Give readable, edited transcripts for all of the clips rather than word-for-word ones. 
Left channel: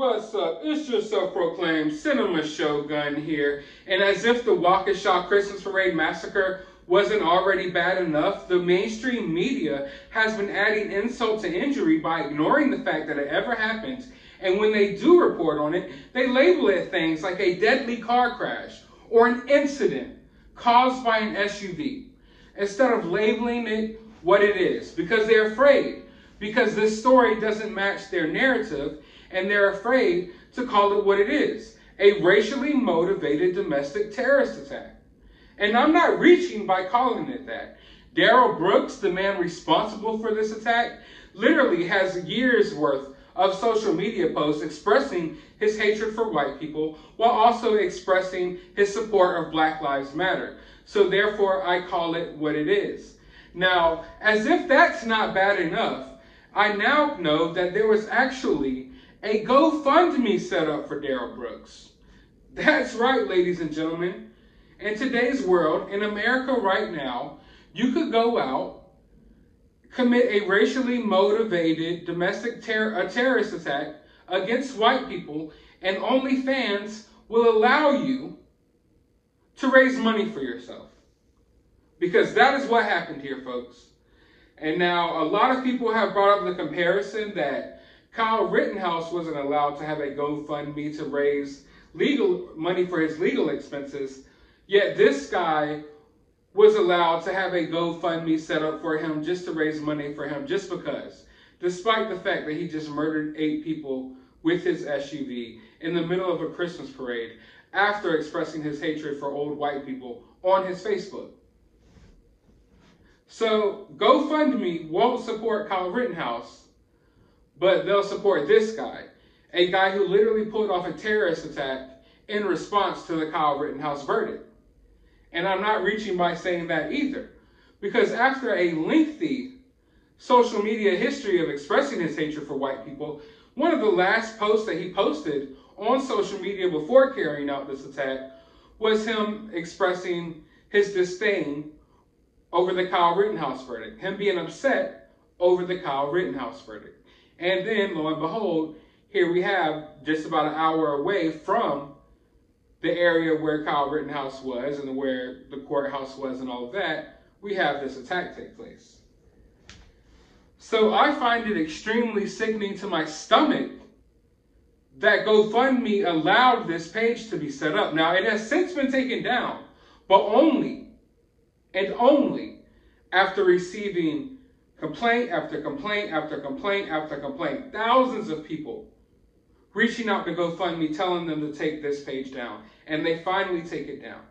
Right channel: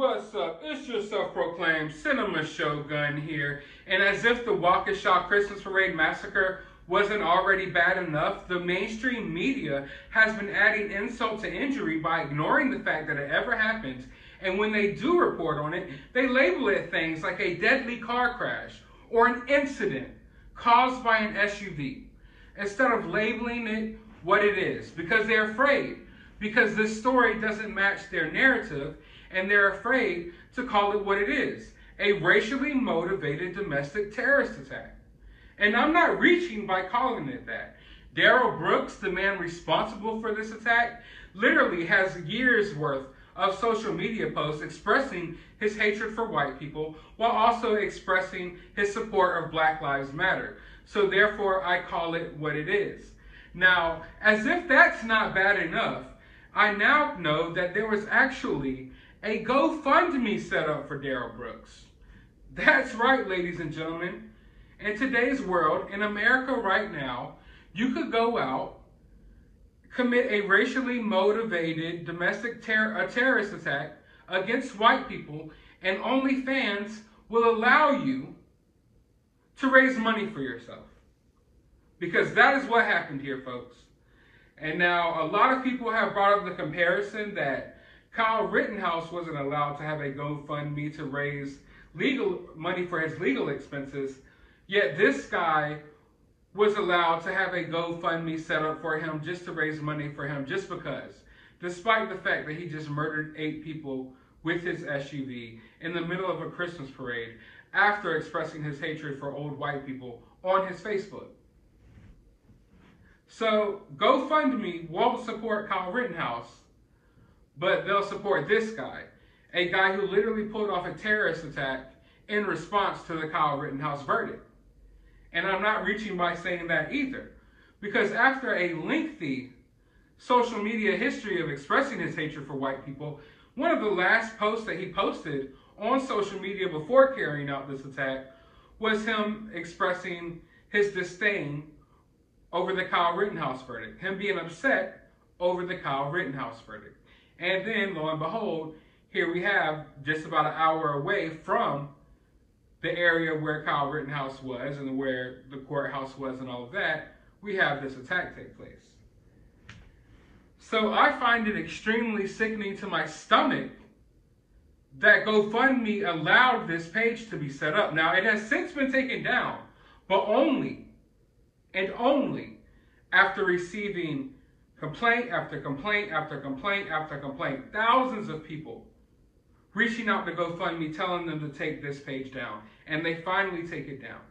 What's up? It's your self-proclaimed cinema shogun here. And as if the Waukesha Christmas Parade massacre wasn't already bad enough, the mainstream media has been adding insult to injury by ignoring the fact that it ever happened. And when they do report on it, they label it things like a deadly car crash or an incident caused by an SUV, instead of labeling it what it is, because they're afraid, because this story doesn't match their narrative, and they're afraid to call it what it is, a racially motivated domestic terrorist attack. And I'm not reaching by calling it that. Darrell Brooks, the man responsible for this attack, literally has years worth of social media posts expressing his hatred for white people while also expressing his support of Black Lives Matter. So therefore, I call it what it is. Now, as if that's not bad enough, I now know that there was actually a GoFundMe set up for Darrell Brooks. That's right, ladies and gentlemen. In today's world, in America right now, you could go out, commit a racially motivated domestic terrorist attack against white people, and OnlyFans will allow you to raise money for yourself. Because that is what happened here, folks. And now, a lot of people have brought up the comparison that Kyle Rittenhouse wasn't allowed to have a GoFundMe to raise legal money for his legal expenses, yet this guy was allowed to have a GoFundMe set up for him just to raise money for him just because, despite the fact that he just murdered 8 people with his SUV in the middle of a Christmas parade after expressing his hatred for old white people on his Facebook. So GoFundMe won't support Kyle Rittenhouse, but they'll support this guy, a guy who literally pulled off a terrorist attack in response to the Kyle Rittenhouse verdict. And I'm not reaching by saying that either, because after a lengthy social media history of expressing his hatred for white people, one of the last posts that he posted on social media before carrying out this attack was him expressing his disdain over the Kyle Rittenhouse verdict, him being upset over the Kyle Rittenhouse verdict. And then, lo and behold, here we have, just about an hour away from the area where Kyle Rittenhouse was and where the courthouse was and all of that, we have this attack take place. So I find it extremely sickening to my stomach that GoFundMe allowed this page to be set up. Now, it has since been taken down, but only and only after receiving complaint after complaint after complaint after complaint. Thousands of people reaching out to GoFundMe telling them to take this page down. And they finally take it down.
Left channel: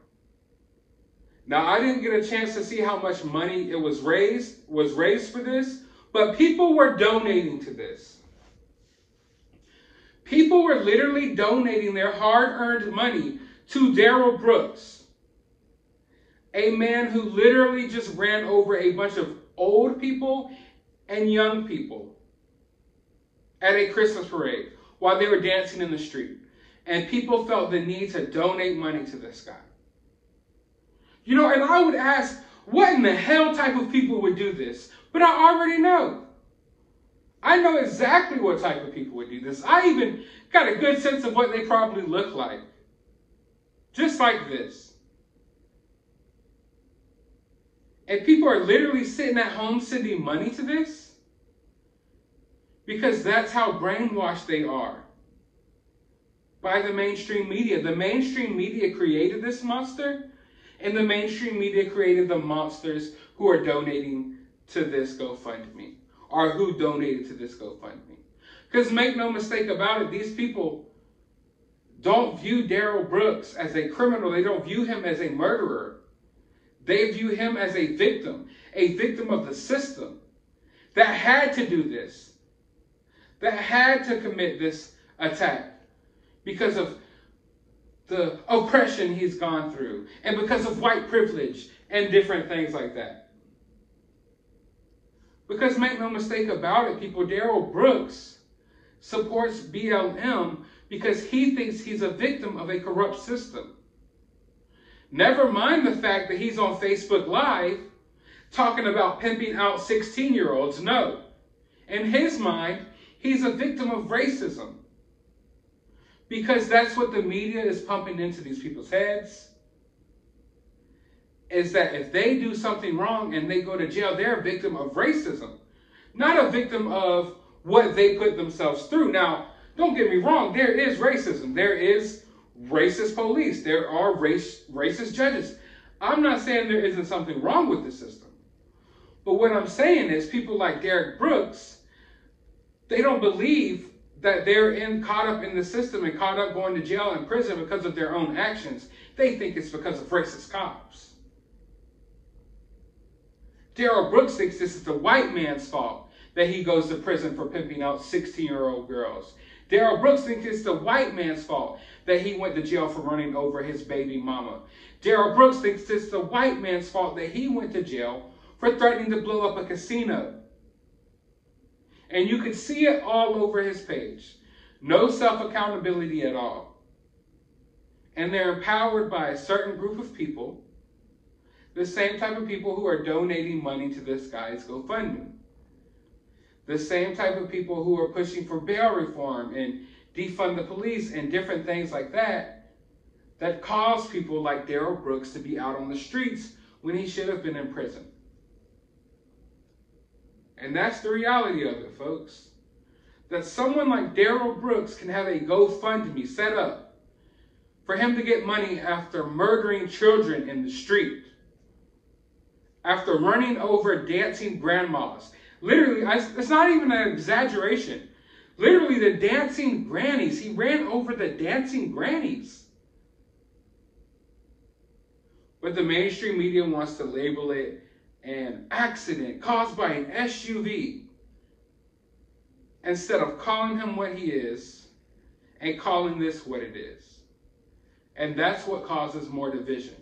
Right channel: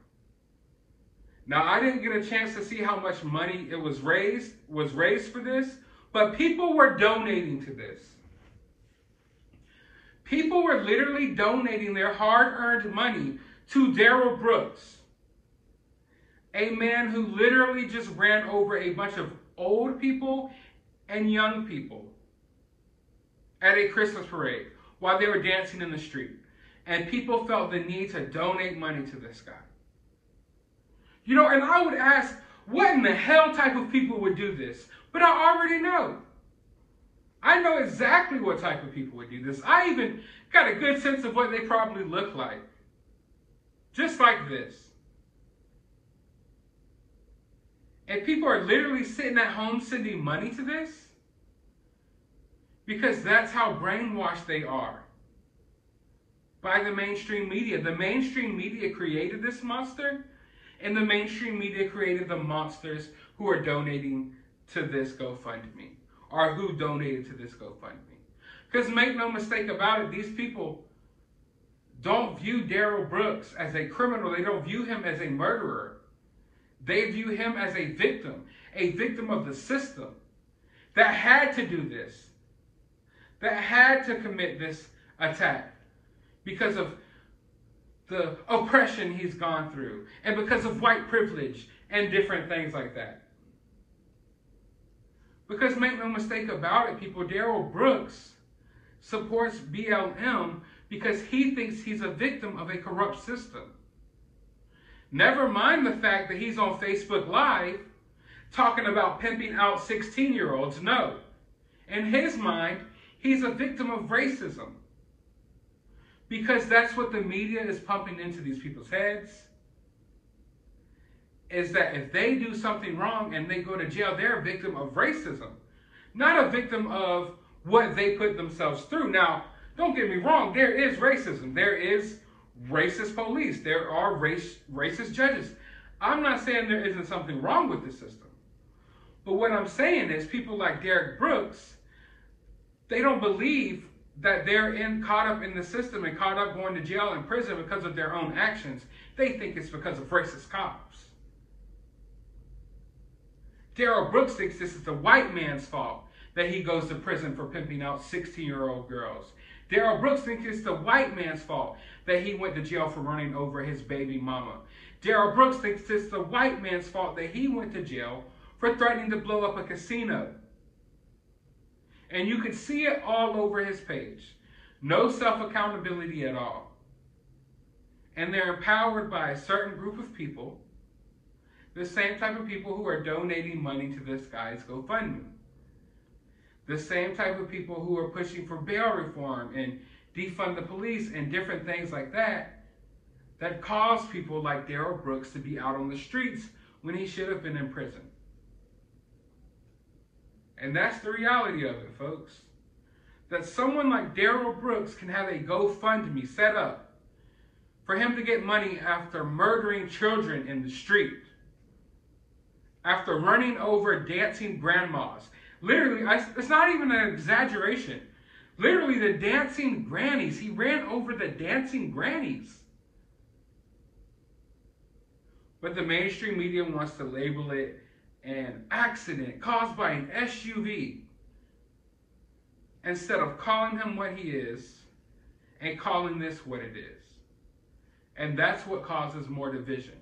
Now, I didn't get a chance to see how much money it was raised for this, but people were donating to this. People were literally donating their hard-earned money to Darrell Brooks, a man who literally just ran over a bunch of old people and young people at a Christmas parade while they were dancing in the street. And people felt the need to donate money to this guy. You know, and I would ask, what in the hell type of people would do this? But I already know. I know exactly what type of people would do this. I even got a good sense of what they probably look like. Just like this. And people are literally sitting at home sending money to this because that's how brainwashed they are by the mainstream media. The mainstream media created this monster, and the mainstream media created the monsters who are donating to this GoFundMe, or who donated to this GoFundMe. Because make no mistake about it, these people don't view Darrell Brooks as a criminal. They don't view him as a murderer. They view him as a victim of the system that had to do this, that had to commit this attack because of the oppression he's gone through and because of white privilege and different things like that. Because make no mistake about it, people, Darrell Brooks supports BLM because he thinks he's a victim of a corrupt system. Never mind the fact that he's on Facebook Live talking about pimping out 16-year-olds. No. In his mind, he's a victim of racism. Because that's what the media is pumping into these people's heads. Is that if they do something wrong and they go to jail, they're a victim of racism. Not a victim of what they put themselves through. Now, don't get me wrong, there is racism. There is racist police. There are racist judges. I'm not saying there isn't something wrong with the system. But what I'm saying is people like Derek Brooks, they don't believe that they're caught up in the system and caught up going to jail and prison because of their own actions. They think it's because of racist cops. Daryl Brooks thinks this is the white man's fault that he goes to prison for pimping out 16-year-old girls. Daryl Brooks thinks it's the white man's fault that he went to jail for running over his baby mama. Daryl Brooks thinks it's the white man's fault that he went to jail for threatening to blow up a casino. And you can see it all over his page. No self-accountability at all. And they're empowered by a certain group of people, the same type of people who are donating money to this guy's GoFundMe. The same type of people who are pushing for bail reform and defund the police and different things like that, that cause people like Daryl Brooks to be out on the streets when he should have been in prison. And that's the reality of it, folks. That someone like Daryl Brooks can have a GoFundMe set up for him to get money after murdering children in the street, after running over dancing grandmas. Literally, it's not even an exaggeration. Literally, the dancing grannies. He ran over the dancing grannies. But the mainstream media wants to label it an accident caused by an SUV, instead of calling him what he is and calling this what it is. And that's what causes more division.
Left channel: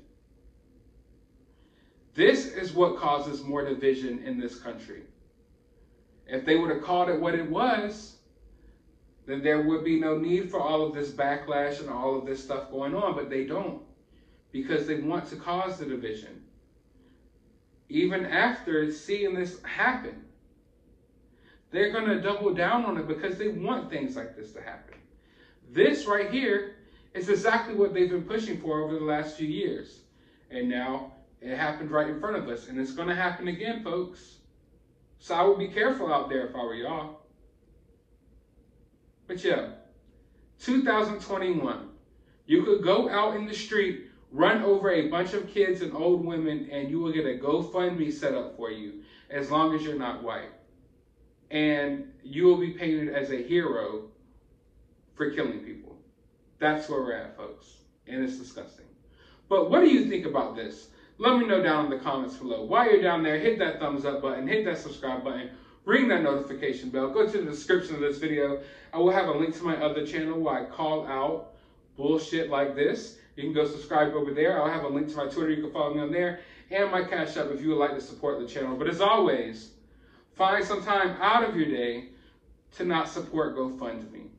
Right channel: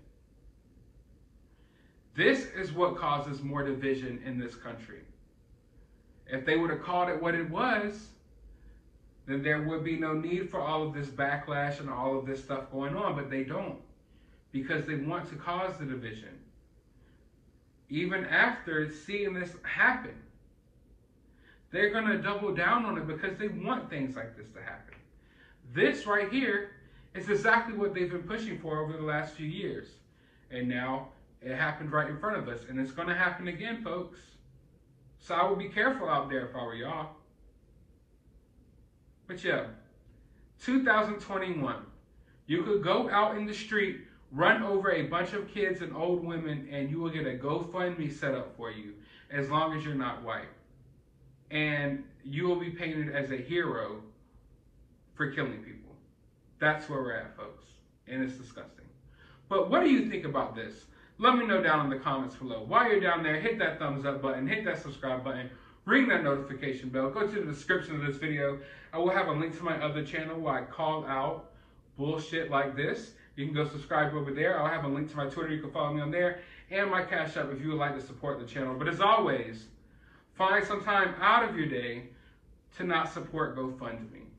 This is what causes more division in this country. If they would have called it what it was, then there would be no need for all of this backlash and all of this stuff going on. But they don't, because they want to cause the division. Even after seeing this happen, they're going to double down on it because they want things like this to happen. This right here is exactly what they've been pushing for over the last few years. And now it happened right in front of us. And it's going to happen again, folks. So I would be careful out there if I were y'all. But yeah, 2021, you could go out in the street, run over a bunch of kids and old women, and you will get a GoFundMe set up for you, as long as you're not white. And you will be painted as a hero for killing people. That's where we're at, folks. And it's disgusting. But what do you think about this? Let me know down in the comments below. While you're down there, hit that thumbs up button, hit that subscribe button, ring that notification bell. Go to the description of this video. I will have a link to my other channel where I call out bullshit like this. You can go subscribe over there. I'll have a link to my Twitter. You can follow me on there. And my CashApp if you would like to support the channel. But as always, find some time out of your day to not support GoFundMe.